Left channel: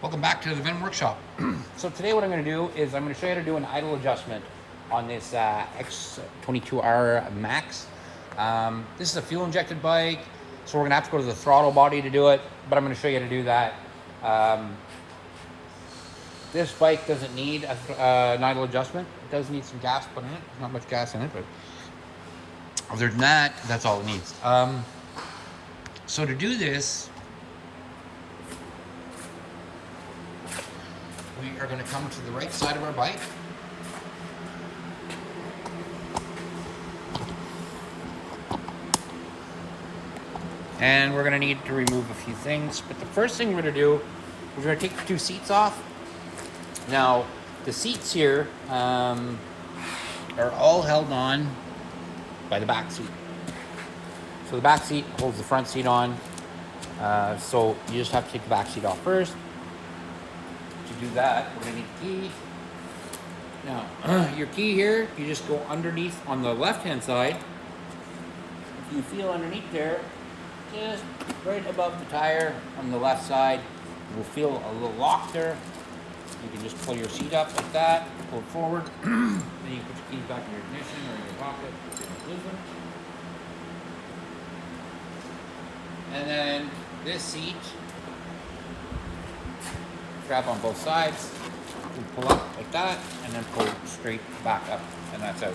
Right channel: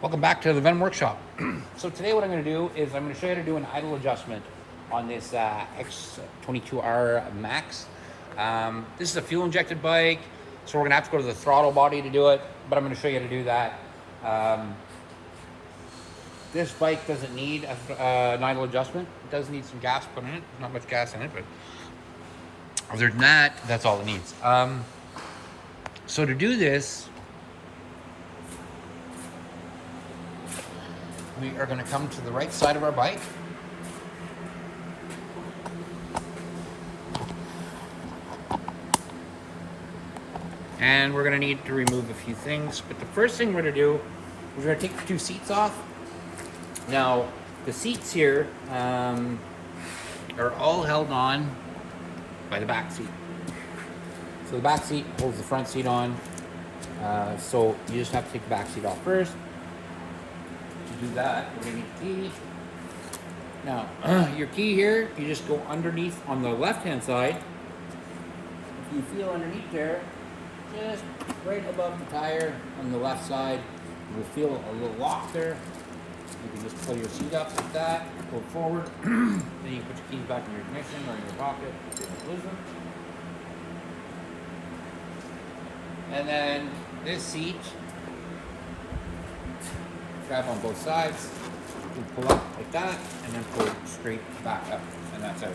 Welcome back to the Venom Workshop. So today what I'm going to do is I'm going to show you how to do an idle adjustment on this X22R Max. This is a fuel injected bike, so we're going to have to go to the throttle body to do it, but I'm going to show you how to do that. This bike doesn't need an idle adjustment. It does need some gas put in it. Not much gas in it, but other than that, that's all it needs. So to do this, we are going to come to the right side of our bike. And we're going to need to remove a few things. But the first thing we're going to do is we're going to take the two seats off. Now, the seats here are all held on by the back seat. So the back seat holds the front seat on. So you just have to take the back seat off first. To do that, we're going to need a key. Now, your key here, you just go underneath on the left-hand side. If you feel underneath there, just right above the tire on the left side, you'll feel a little lock there. You can just pull your seat up like that, pull it forward. Then you put your keys back in your ignition or in your pocket if you don't lose them. And then this seat, grab on both sides, you pull up like that, and then pull straight back up, and that's out.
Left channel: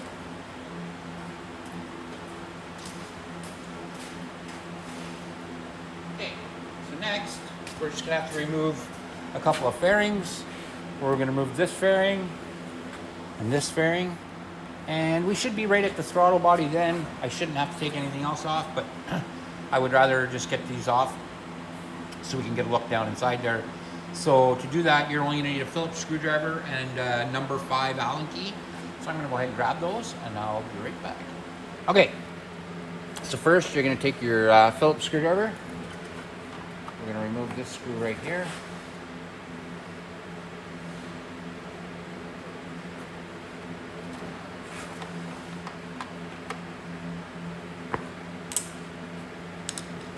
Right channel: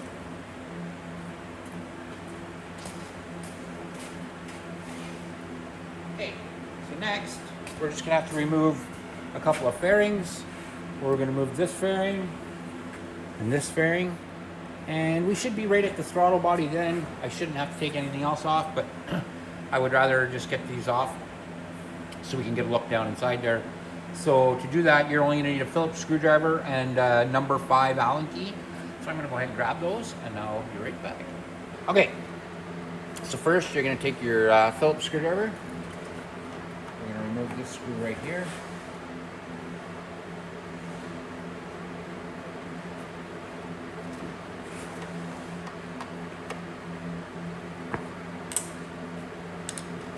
Okay, so next, we're just gonna have to remove a couple of fairings. We're gonna move this fairing and this fairing, and we should be right at the throttle body then. I shouldn't have to take anything else off, but I would rather just get these off so we can get a look down inside there. So to do that, you're only going to need a Phillips screwdriver and number 5 Allen key. So I'm going to go ahead and grab those, and I'll be right back. Okay, so first you're going to take your Phillips screwdriver. We're going to remove this screw right here.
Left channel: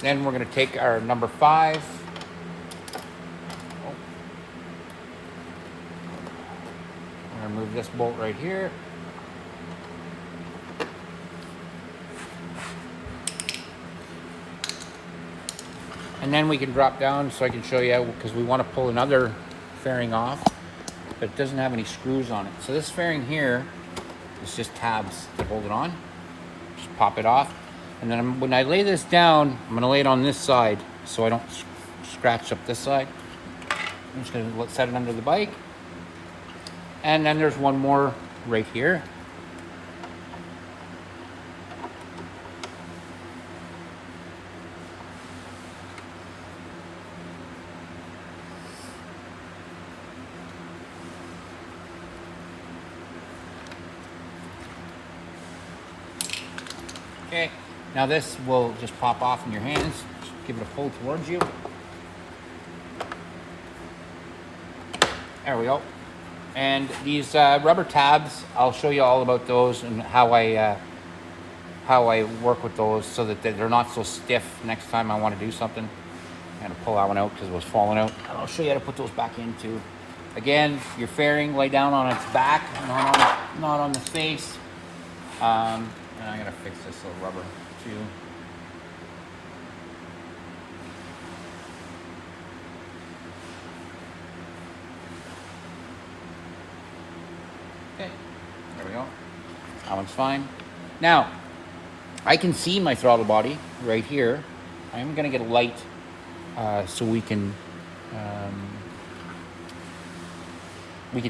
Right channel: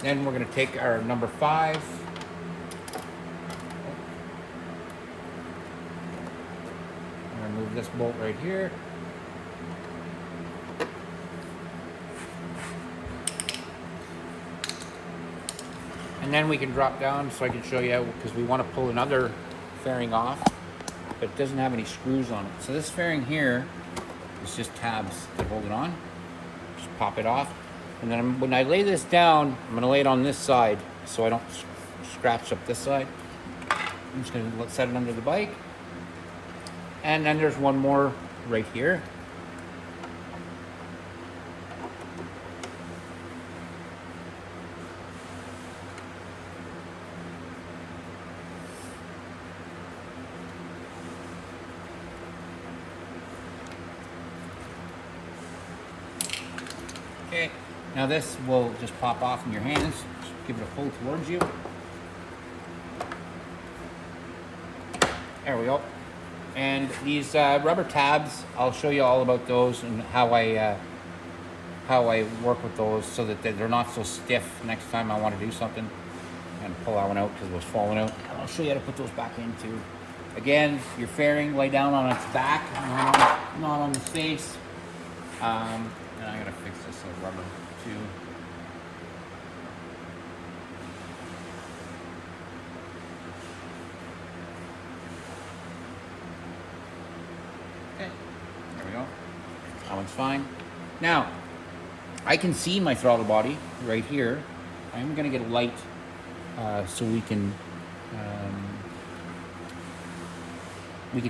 Then we're going to take our number 5. Remove this bolt right here. And then we can drop down so I can show you, because we want to pull another fairing off, but it doesn't have any screws on it. So this fairing here is just tabs that hold it on. Just pop it off. And then when I lay this down, I'm going to lay it on this side so I don't scratch up this side. I'm just going to set it under the bike. And then there's one more right here. Okay, now this will just pop off in your hands. Just give it a pull towards you. There we go. And these rubber tabs, I'll show you all about those and how I work with those so that they're not so stiff next time I want to do something. I'm going to pull that one out because it was falling out. I'll show you how to put those back in too. Again, your fairing, lay down on its back, not on the face. And I'm going to fix this little rubber too. Okay, there we go. That one's fine. Now, I can see my throttle body right here. I'm going to get a light so we can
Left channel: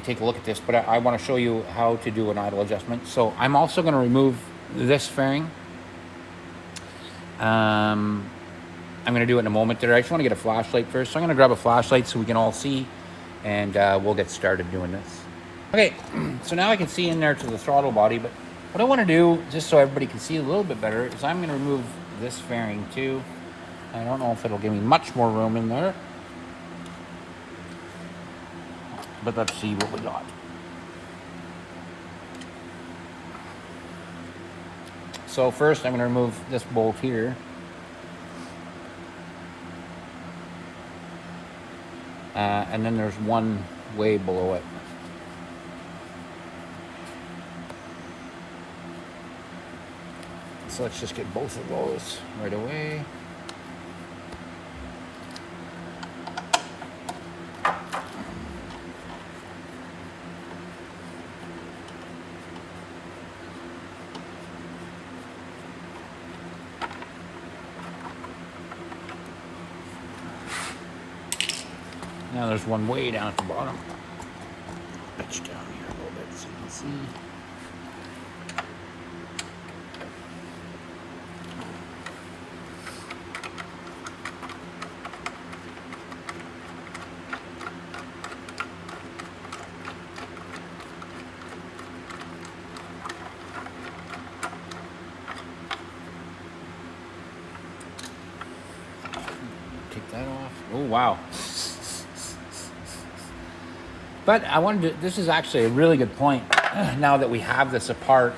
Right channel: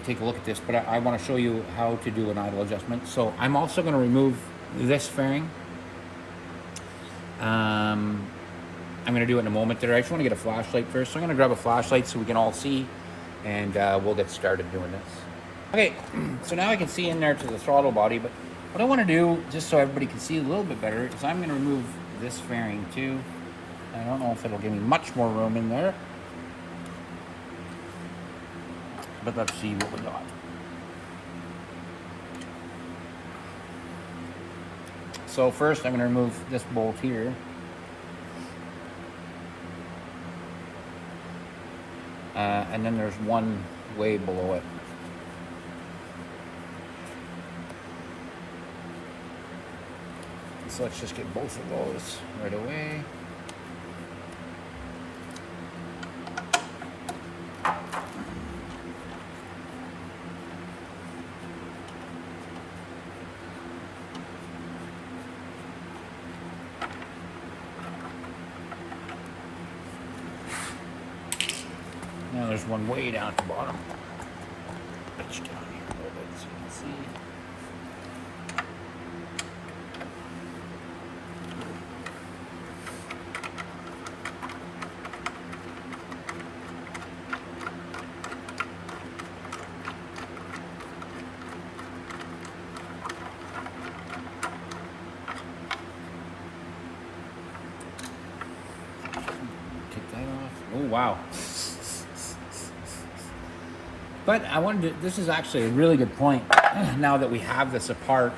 take a look at this, but I want to show you how to do an idle adjustment. So I'm also going to remove this fairing. I'm going to do it in a moment there. I just want to get a flashlight first. So I'm going to grab a flashlight so we can all see, and we'll get started doing this. Okay, so now I can see in there to the throttle body, but what I want to do, just so everybody can see a little bit better, is I'm going to remove this fairing too. I don't know if it'll give me much more room in there, but let's see what we got. So first I'm going to remove this bolt here. and then there's one way below it. So let's just get both of those right away. Now there's one way down at the bottom. It's down here. Let's see. Take that off. Oh wow. But I wanted to, this is actually a really good point now that we have this apart,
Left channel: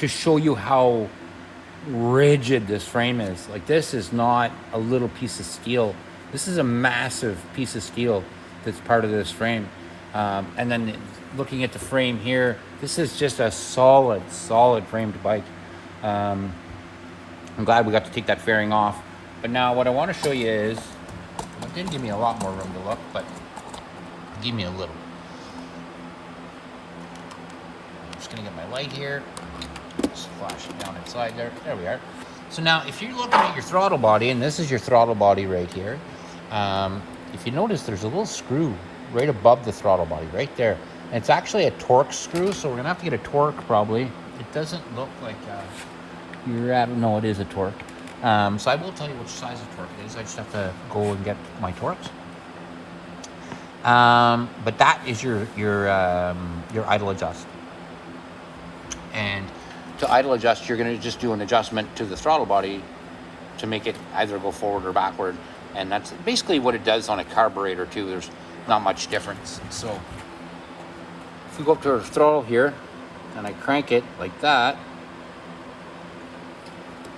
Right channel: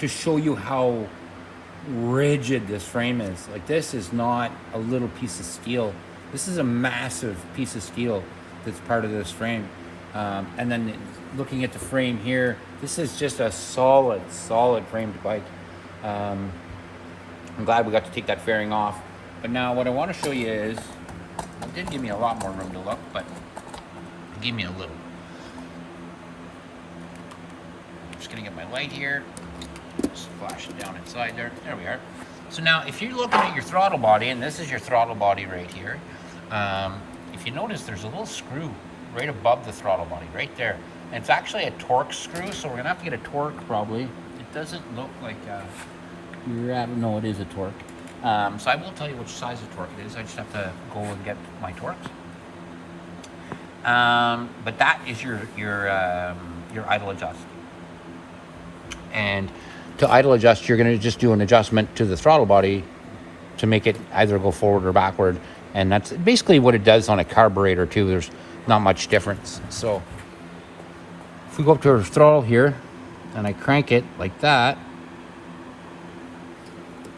to show you how rigid this frame is. Like, this is not a little piece of steel. This is a massive piece of steel that's part of this frame. And then looking at the frame here, this is just a solid framed bike. I'm glad we got to take that fairing off. But now what I want to show you is, it didn't give me a lot more room to look, but it gave me a little. Just gonna get my light here. Just flash it down inside there. There we are. So now, if you're looking at your throttle body, and this is your throttle body right here, if you notice, there's a little screw right above the throttle body, right there. And it's actually a torque screw, so we're gonna have to get a torque probably. It doesn't look like you're at. No, it is a torque. So I will tell you which size of torque it is. I just have to go and get my torques. But that is your idle adjust. And to idle adjust, you're going to just do an adjustment to the throttle body to make it either go forward or backward. And that's basically what it does on a carburetor too. There's not much difference. So if we go up to the throttle here and I crank it like that,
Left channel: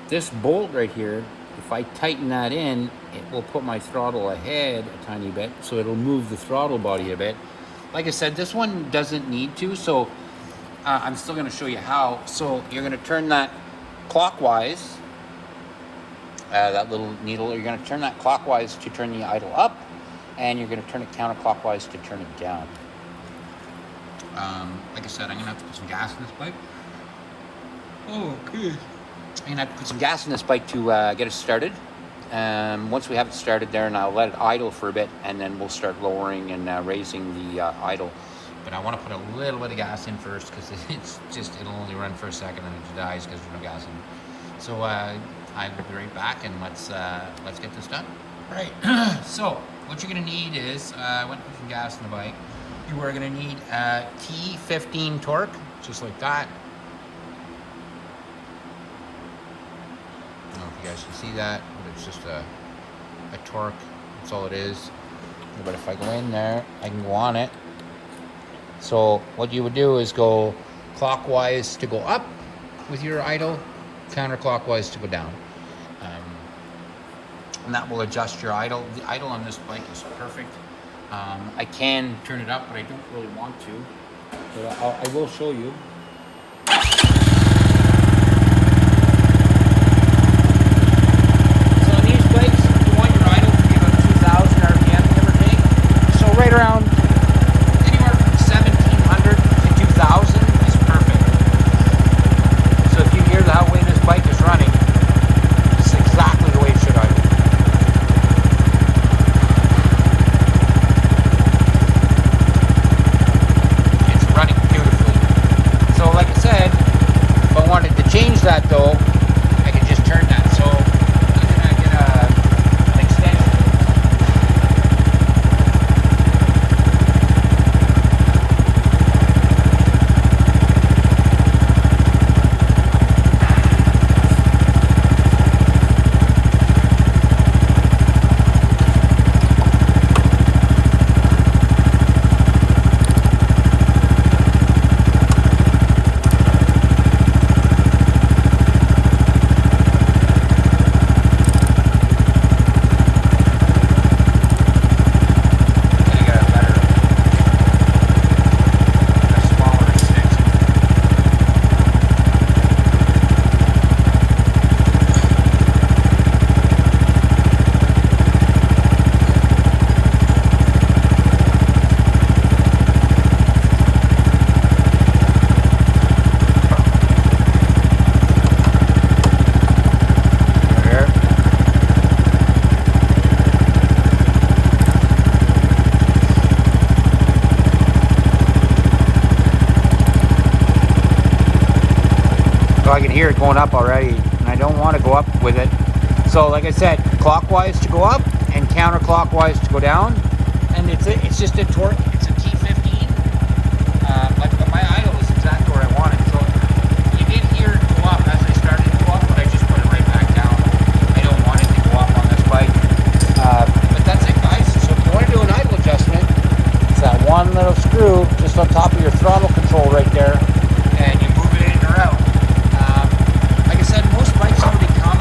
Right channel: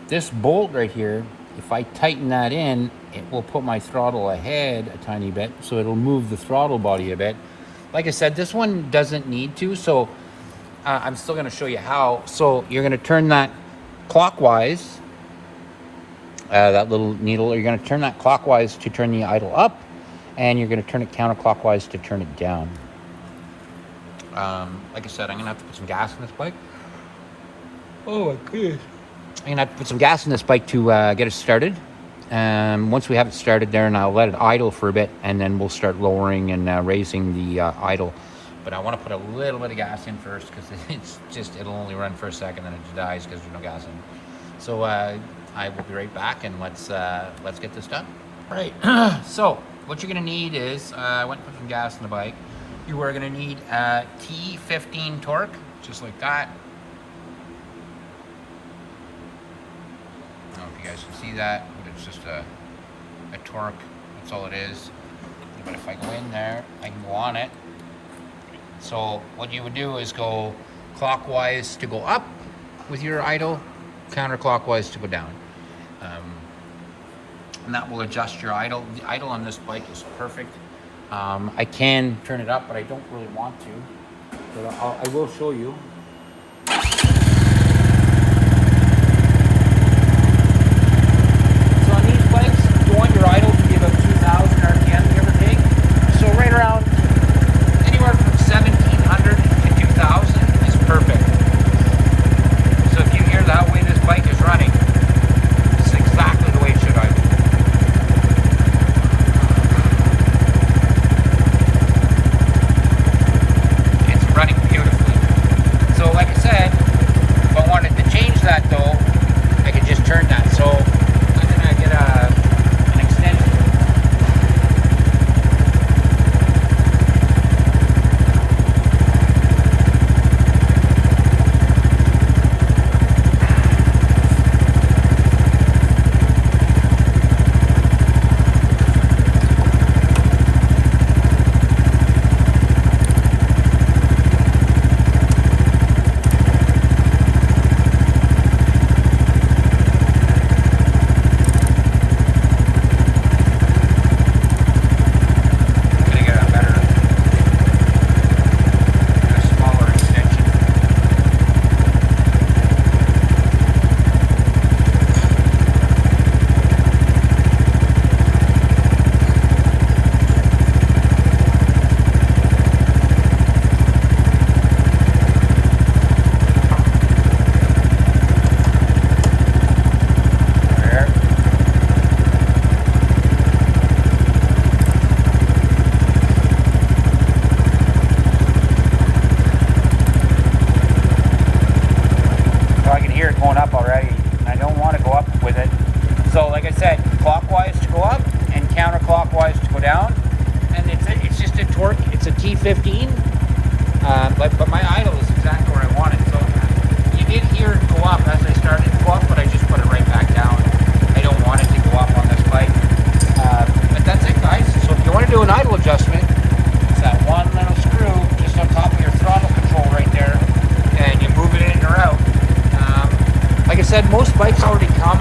this bolt right here, if I tighten that in, it will put my throttle ahead a tiny bit, so it'll move the throttle body a bit. Like I said, this one doesn't need to, so I'm still going to show you how. So you're going to turn that clockwise, that little needle, you're going to turn that clockwise to turn the idle up, and you're going to turn it counterclockwise to turn it down. Like I said, I'm going to have to put some gas in this bike. Oh, good. I'm going to have to put some gas in this bike to get it started. Once we have it started there, and I'll let it idle for a bit, and then we'll start lowering and raising the idle. But I want to put a little bit of gas in first, because it'll only run for a second, and it dies because there's no gas in it. So I will be right back, and let's get this done. Right. So what you're going to need is, I went and put some gas in the bike. You are going to need a T15 torque, just like that. I don't know if you guys can see that, but it's just a torque. That's all it is. But if I go in there, I can go on it. So what you would do is go clockwise to go up with your idle, counterclockwise to go down. And that will adjust your idle. The idle on this bike is perfect. I can turn it up, but I don't really want to. But I will show you. fork. It's a T15, but my idle is exactly where I want it. So you did hear it go up as I started to go up, but I just put it right back down. I don't want it to go up on this bike. But that's it, guys. So if you want to do an idle adjustment, it's that one little screw just on top of your throttle control right there, and you move it in or out. Like I said, most bikes already come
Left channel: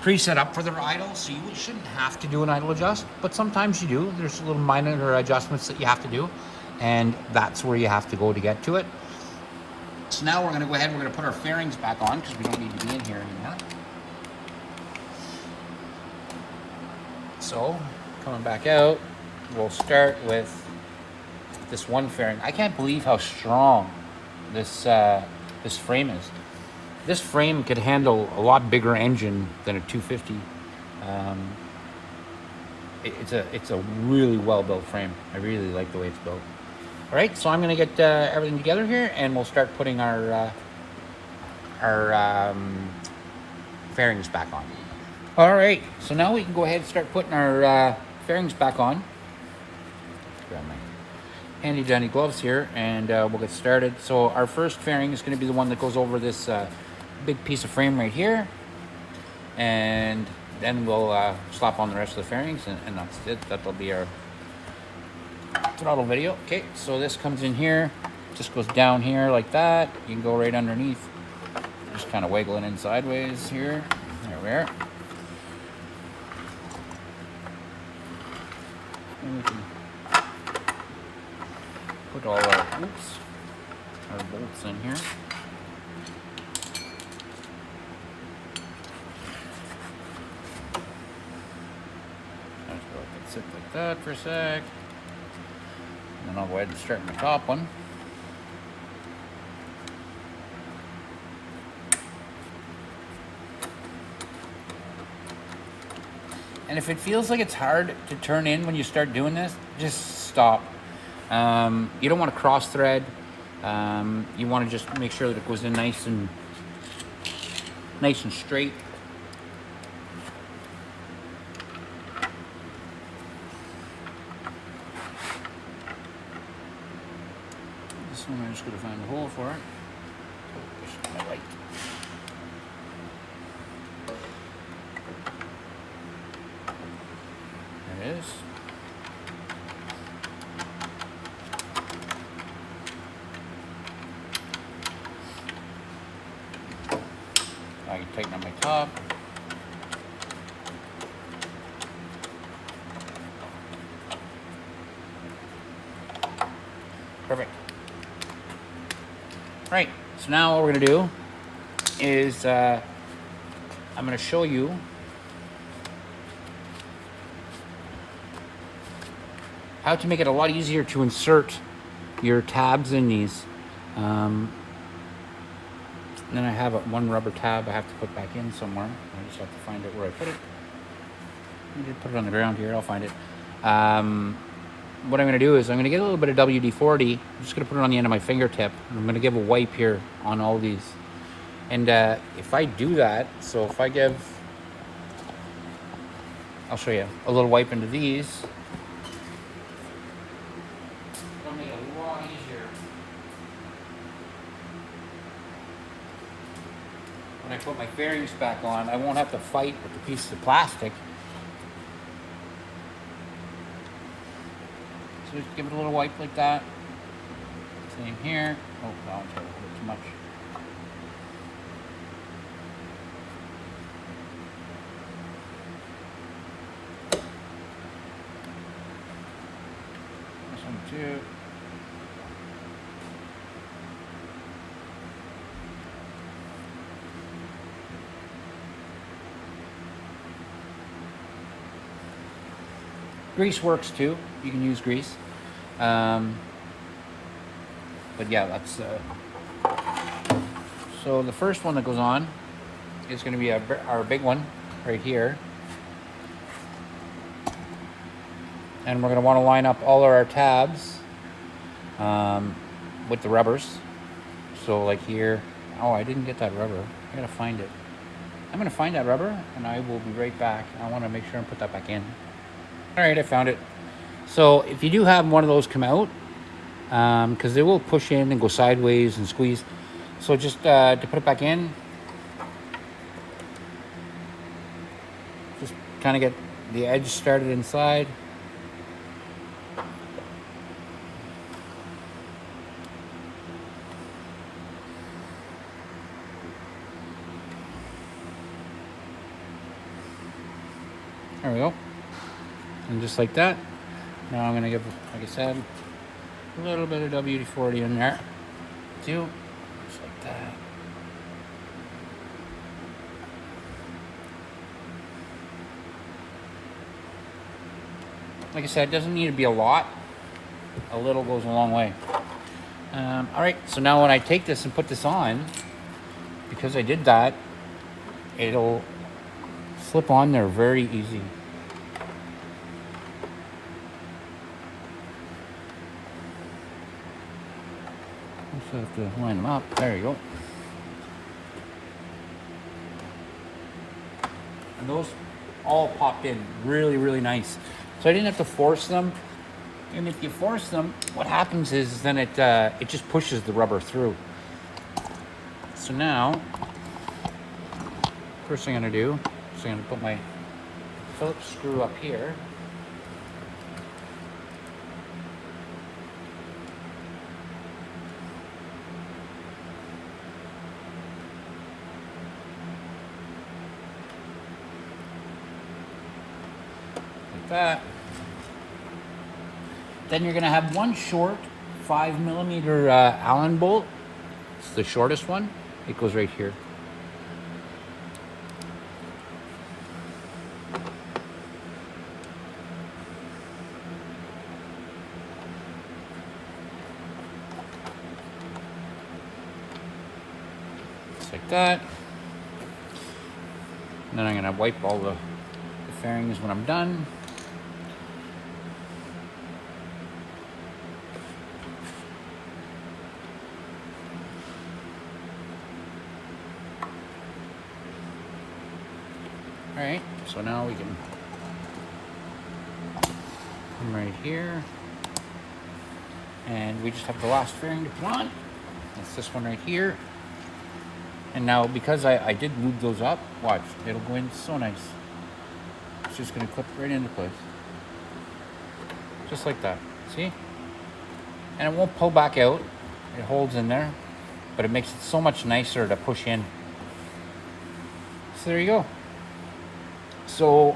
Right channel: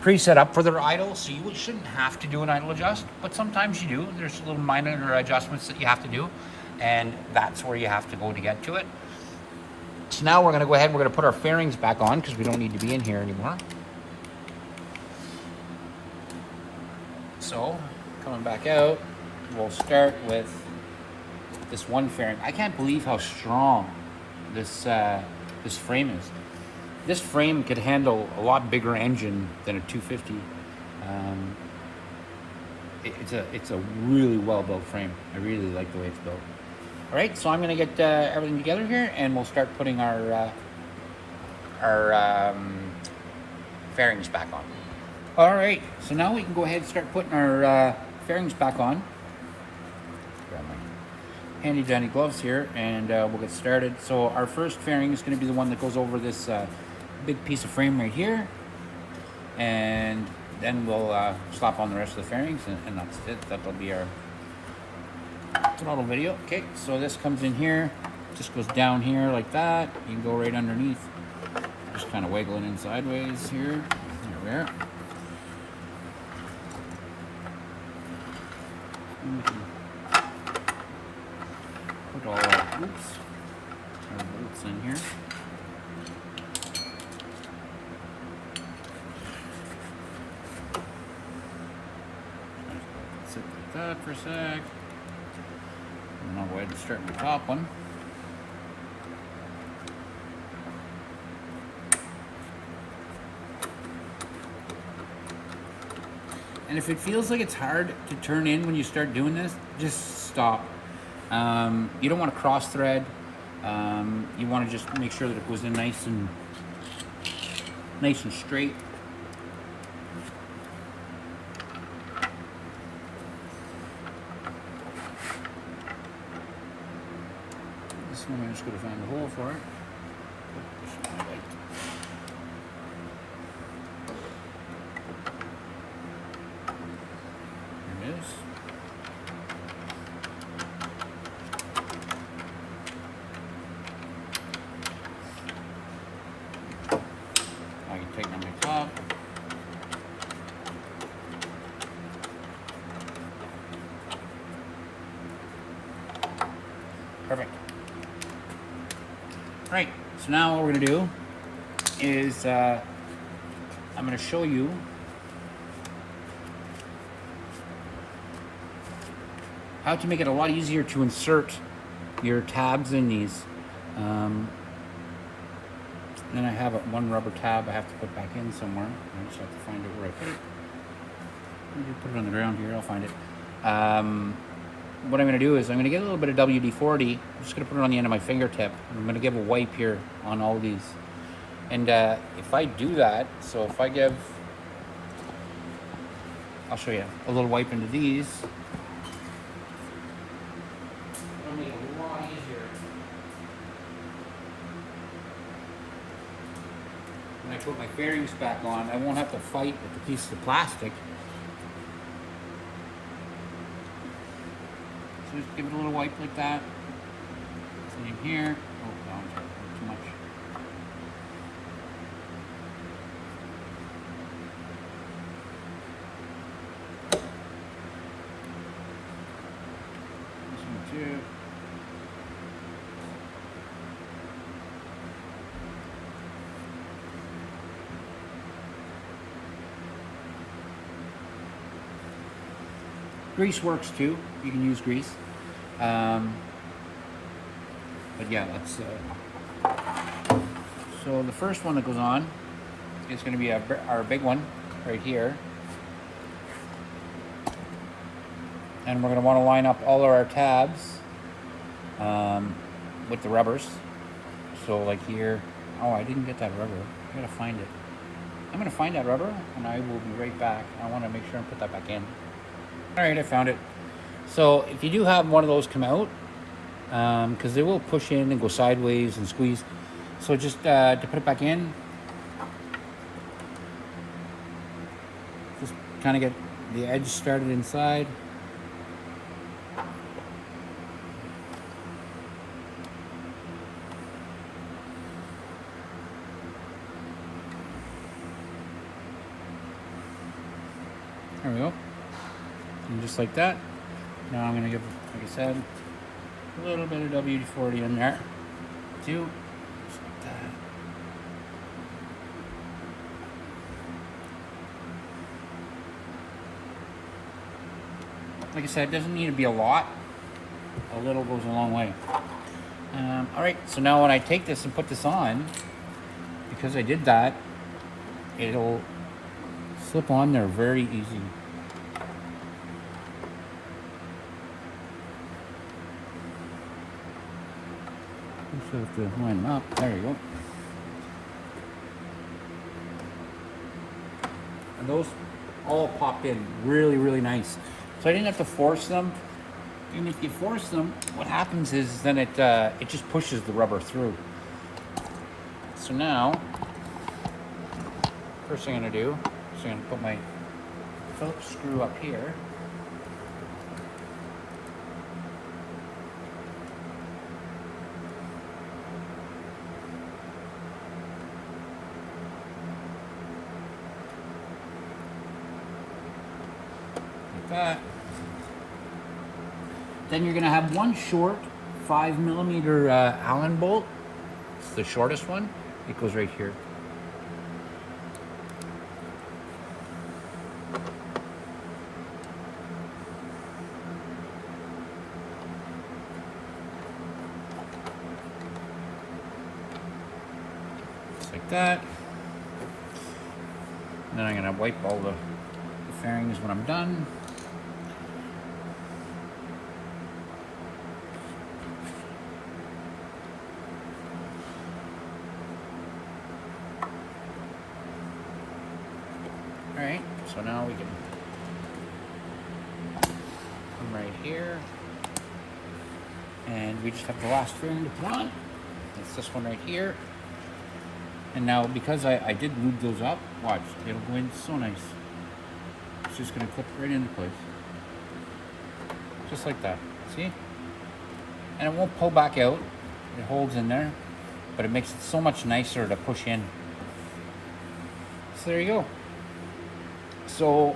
preset up for their idle, so you shouldn't have to do an idle adjust, but sometimes you do. There's little minor adjustments that you have to do, and that's where you have to go to get to it. So now we're going to go ahead and we're going to put our fairings back on because we don't need to be in here anymore. So coming back out, we'll start with this one fairing. I can't believe how strong this this frame is. This frame could handle a lot bigger engine than a 250. It's a really well built frame. I really like the way it's built. All right, so I'm gonna get everything together here, and we'll start putting our fairings back on. All right, so now we can go ahead and start putting our fairings back on. Handy dandy gloves here, and we'll get started. So our first fairing is going to be the one that goes over this big piece of frame right here, and then we'll slap on the rest of the fairings, and that's it. That'll be our throttle video. Okay, so this comes in here, just goes down here like that. You can go right underneath, just kind of wiggling in sideways here. There we are. Put all our bolts in here. Sit like that for a sec. And then I'll go ahead and start my top one. And if it feels like it's hard to turn in when you start doing this, just stop. You don't want to cross thread. You want to just make sure that it goes in nice and straight. This one I'm just going to find a hole for it. Just my light. There it is. I can tighten on my top. Perfect. Right, so now what we're going to do is I'm going to show you how to make it a lot easier to insert your tabs in these. And then I have one rubber tab I have to put back in somewhere. I just have to find out where I put it. I'll just put it on the ground here, I'll find it. What I'm going to do is I'm going to get a little bit of WD-40. I'm just going to put it on the end of my fingertip. I'm going to give a wipe here on all these. And if I do that, so if I give, I'll show you, a little wipe into these. It'll make it a lot easier. When I put my fairings back on, I won't have to fight with the pieces of plastic. So just give it a little wipe like that. Same here. Oh god, a little too much. This one too. Grease works too. You can use grease. But yeah, that's so the first one that goes on is going to be our big one right here, and we're going to want to line up all of our tabs with the rubbers. So like here, oh, I didn't get that rubber. I'm going to find it. I'm going to find that rubber, and I will be right back. I want to make sure and put that back in. All right, I found it. So if you do have one of those come out, because they will push in and go sideways and squeeze. So just to put it back in, just kind of get the edge started inside. There we go. And just like that. Now I'm going to give, like I said, a little bit of WD-40 in there too. Just like that. Like I said, it doesn't need to be a lot. A little goes a long way. All right, so now when I take this and put this on, because I did that, it'll slip on there very easy. Just have to line them up. There you go. And those all pop in really, really nice. So I didn't have to force them. And if you force them, what happens is then it just pushes the rubber through. So now, first thing I'm gonna do is I'm gonna put my Phillips screw up here. Like that. Then you're gonna have one short 5mm Allen bolt. It's the shortest one. It goes right here. Just like that. And then I'm gonna wipe all the fairings when I'm done. Alright, so now we can come right here, and we just have the last fairing to put on. It's this one right here. And now because I did lube those up, watch, it'll go in so nice. It's just going to clip right into place. Just like that, see? And it won't pull back out, it holds in there, but it makes it so much nicer to push in. So there you go. So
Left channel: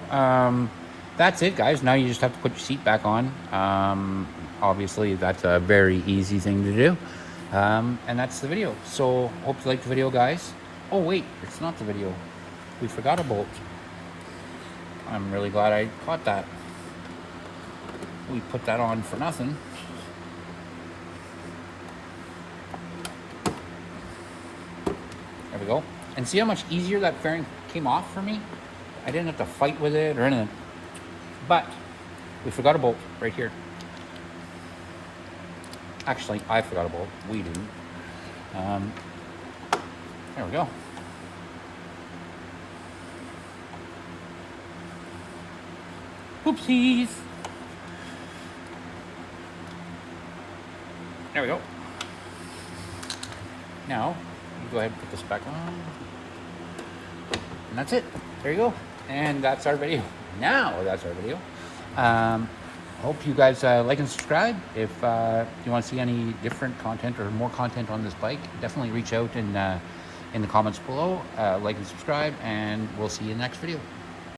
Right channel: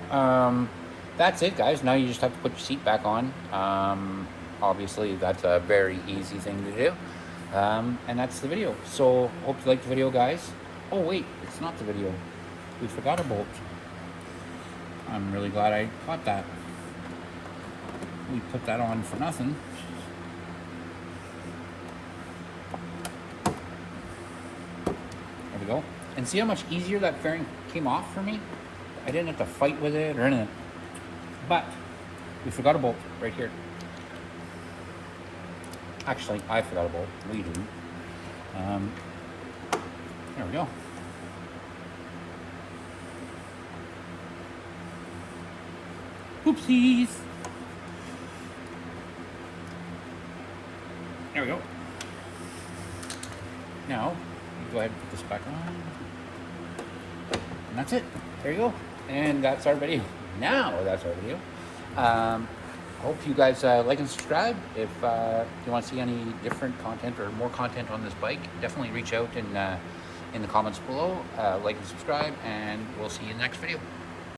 that's it, guys. Now you just have to put your seat back on. Obviously that's a very easy thing to do, and that's the video. So hope you liked the video, guys. Oh wait, it's not the video, we forgot a bolt. I'm really glad I caught that. We put that on for nothing. There we go. And see how much easier that fairing came off for me? I didn't have to fight with it or anything. But we forgot a bolt right here. Actually, I forgot a bolt. We do. There we go. Oopsies. There we go. Now, you go ahead and put this back on. And that's it. There you go. And that's our video. Now that's our video. Hope you guys like and subscribe. If you want to see any different content or more content on this bike, definitely reach out in the comments below. Like and subscribe, and we'll see you in the next video.